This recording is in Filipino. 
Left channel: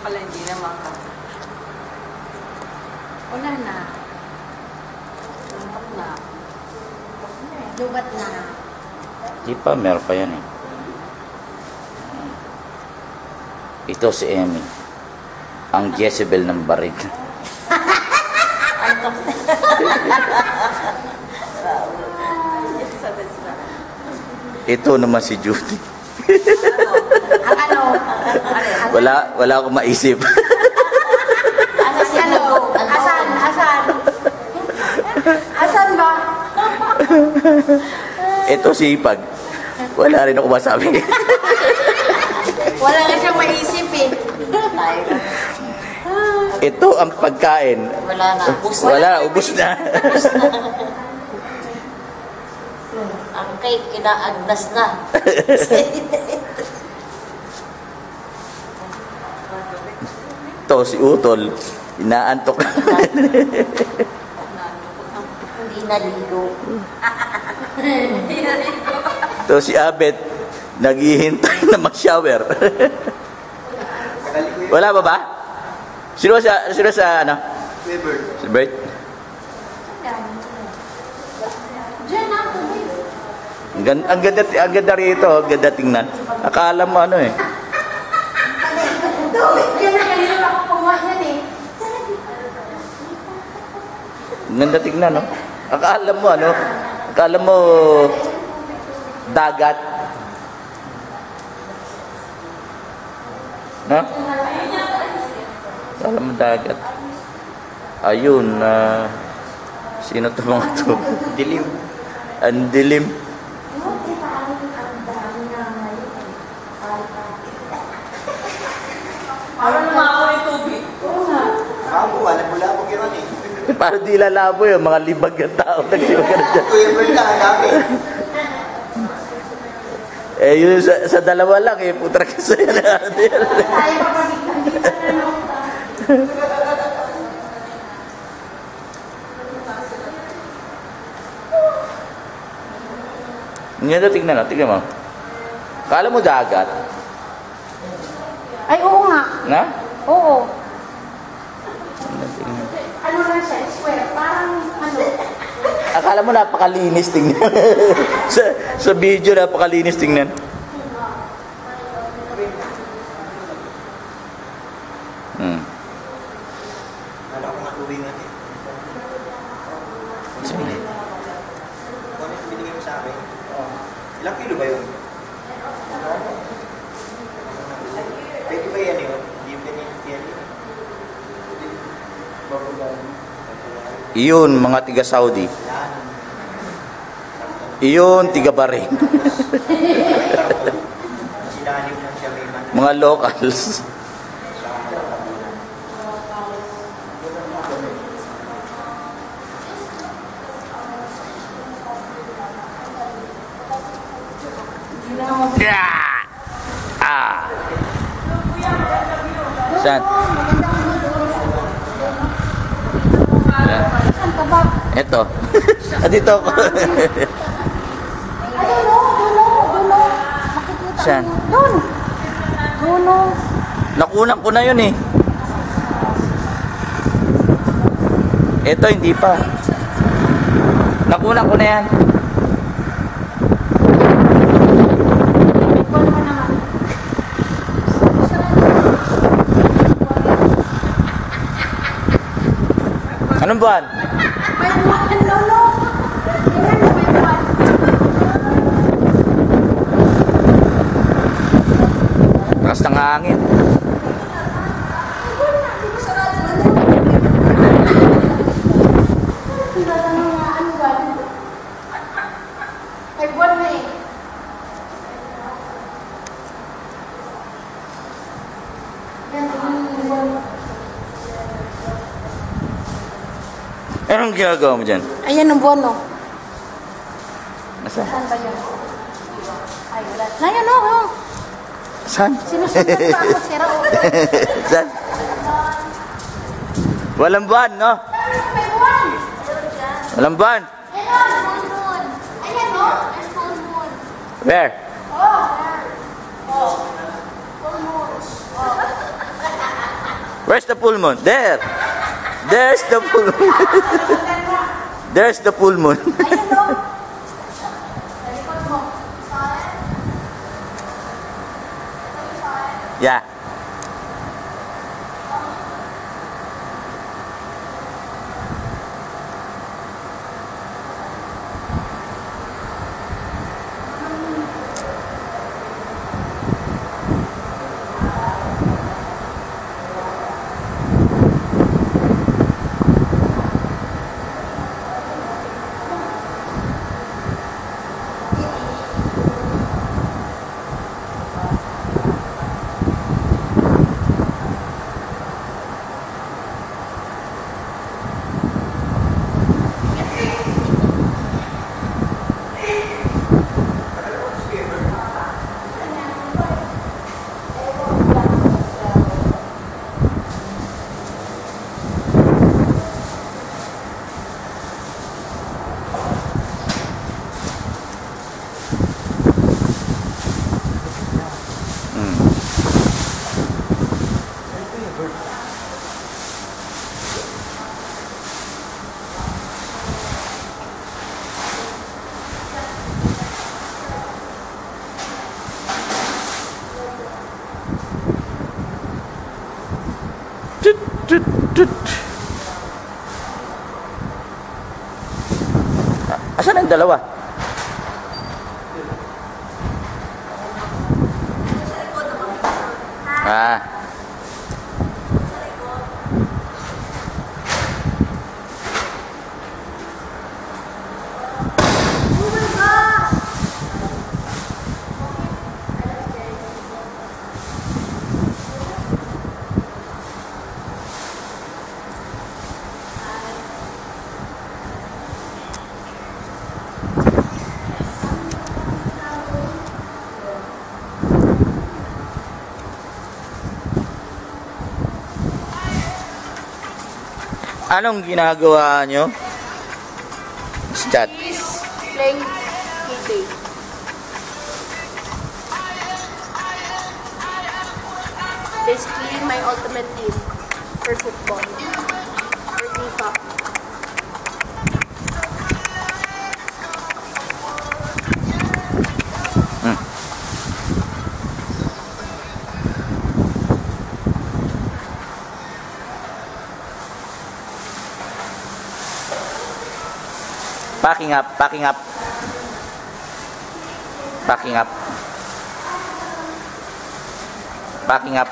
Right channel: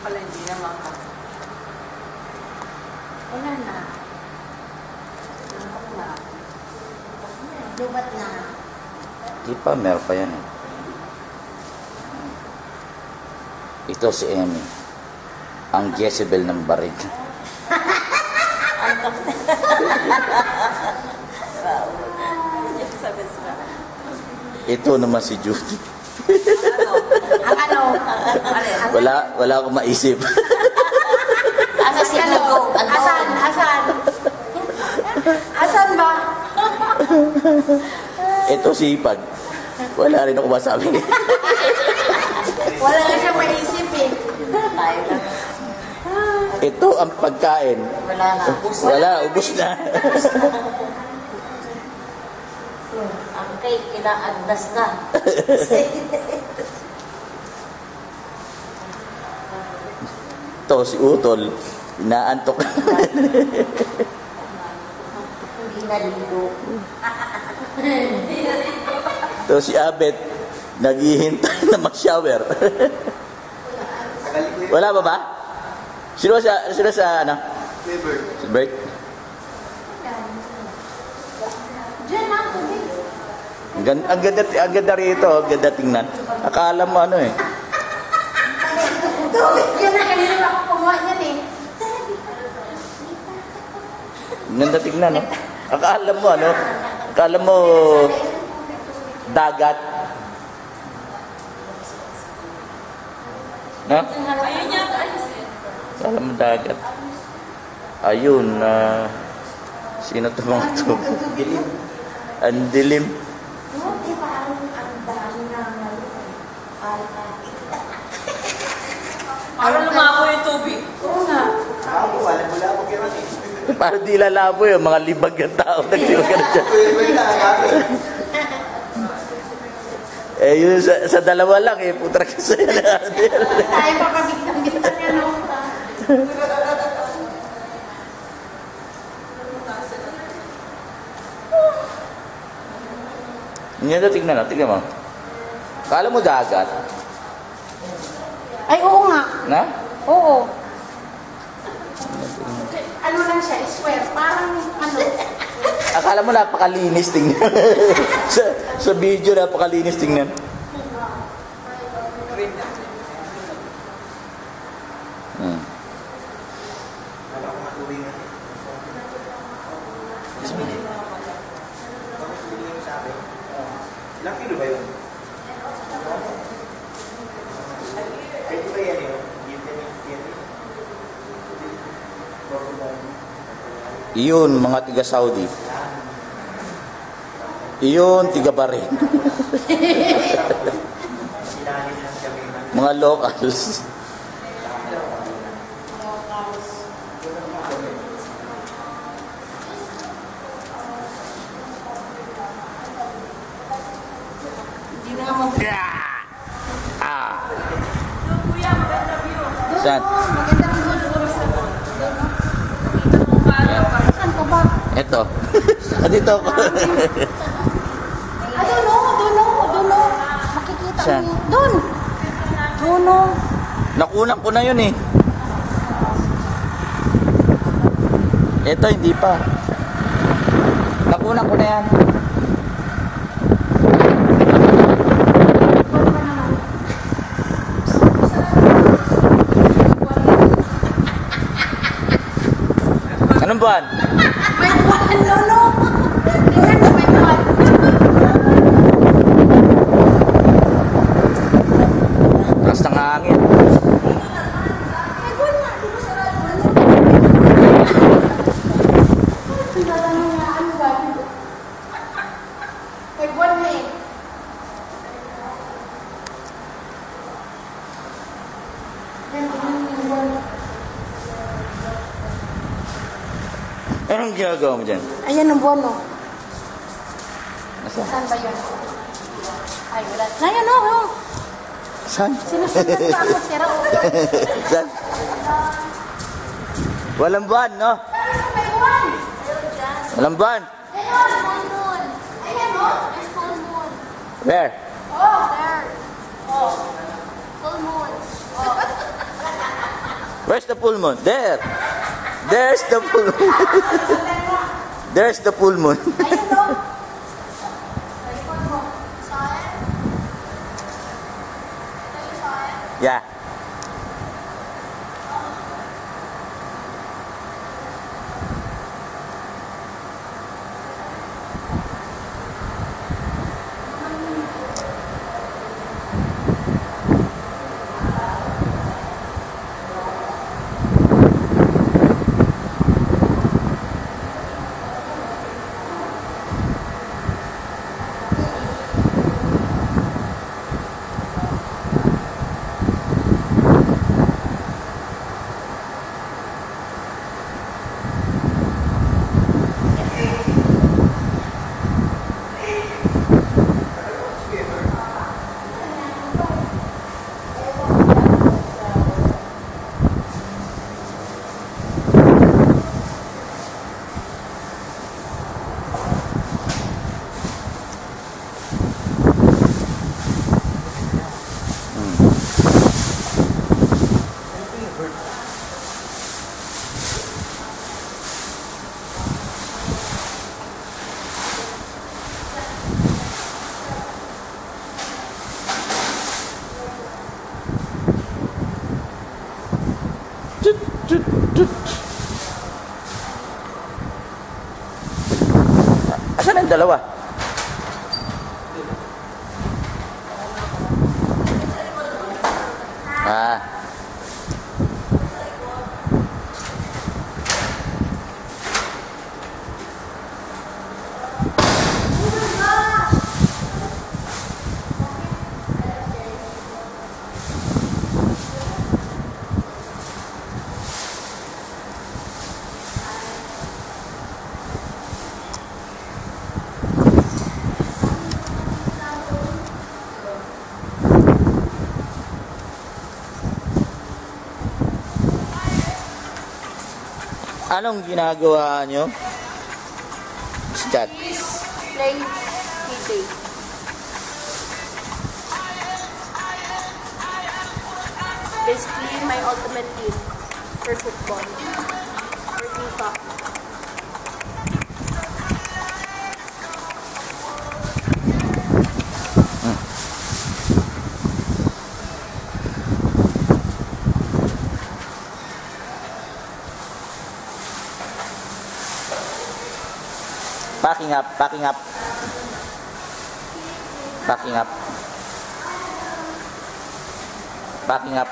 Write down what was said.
pala, hindi naman ka. Wala na. Nampak na. Lubat na. Di pa, meron pa yan eh. Ito si Emmy. Ang Jezebel ng barig. Ito naman si Judy. Ang ano? Wala akong maisip. Asa si ano? Asan? Asan ba? Ito si Ipag. Wala rin ako masabi. Wala na siyang maisip eh. Ito ang pagkain. Wala na. Ubus na. Ang cake, kinaagdas na. Ito si Utol. Inaantok. Hindi naligo. Ito si Abet. Naghihintay na mag-shower. Wala ba ba? Sino sa ano? Si Bert. Ang ganda rito, ang ganda tingnan. Akala mo ano eh. Yan na kanina ako kumuha yan eh. Ang ganda tingnan, no? Akala mo ano? Akala mo dagat. No? Akala mo dagat. Ayun, sino to mga to? Dilim. Ang dilim. Parang lumabo yung tubig. Oo nga. Wala mo gano'n eh. Parang di lalabo yung mga libag ng tao. Naglibag ka na dyan. Yun sa dalawa lang eh. Putra ka sa'yo na. Tayo papabigtan kita niya, no? Ngayon na tignan, tignan mo. Kala mo dagat? Ay, oo nga. Na? Oo. Ano lang siya, square. Parang ano. Akala mo napakalinis tingnan. sa video napakalinis tingnan. Ano ako matubig natin? Sabi kung binigay mo sa akin, ilang kilo ba yun? Pwede ba yan yun? Hindi pwede yan yun. Iyon, mga tiga Saudi. Iyon, tiga Bahrain. Mga locals. Saan? Saan ka ba? Ito. Dito ako. Dulo. Makikita Saan? mo. Doon. Dulo. Nakunan ko na yun eh. Ito, hindi pa. Nakunan ko na yan. Buwan pa naman. Anong buwan? May buwan, Lolo. Tingnan mo, may buwan. Takas ng hangin. May buwan na. Di ba sarado? Tinatanong nga, ano ba? May buwan na eh. Yan, tingnan mo yung buwan. Anong ginagawa mo dyan? Ayan ang buwan, no? Nasaan? Saan ba yun? Ay, wala. Ayan, no? Saan? Sinusundan pa ako, sira, oh. Saan? Walang buwan, no? May buwan! Walang buwan. Ayan, full moon. Ayan, no? There's full moon. Where? Oh, there. Oh. Full moon. Oh. Where's the full moon? There. There's the full moon. There's the full moon. Ayun, no? Sa likod mo. Saan? Yeah. Asan ang dalawa? Ah. Anong ginagawa nyo? Chat. Playing K-Day. Basically, my ultimate team for football. For FIFA. Packing up, packing up. Packing up. Packing up.